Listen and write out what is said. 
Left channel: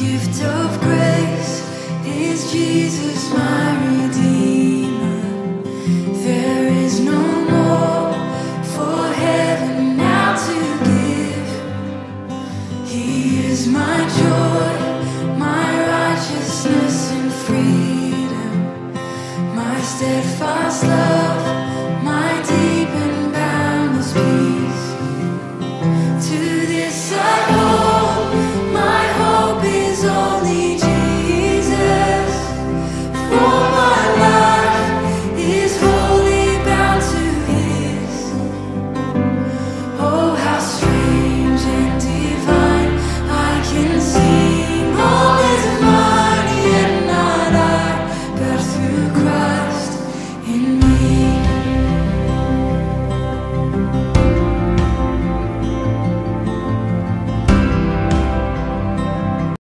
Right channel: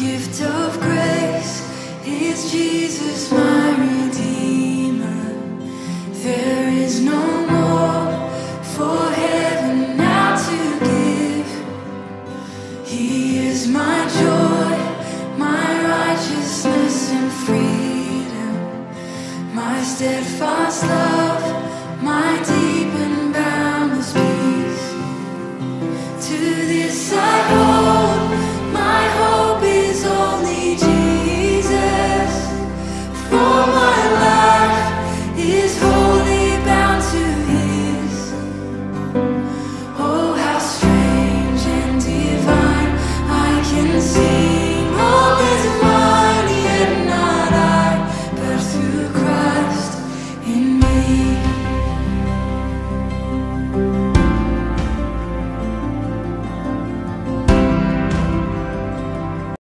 gift of grace is Jesus, my Redeemer. There is no more for heaven now to give. He is my joy, my righteousness and freedom, my steadfast love, my deep and boundless peace. To this I hold.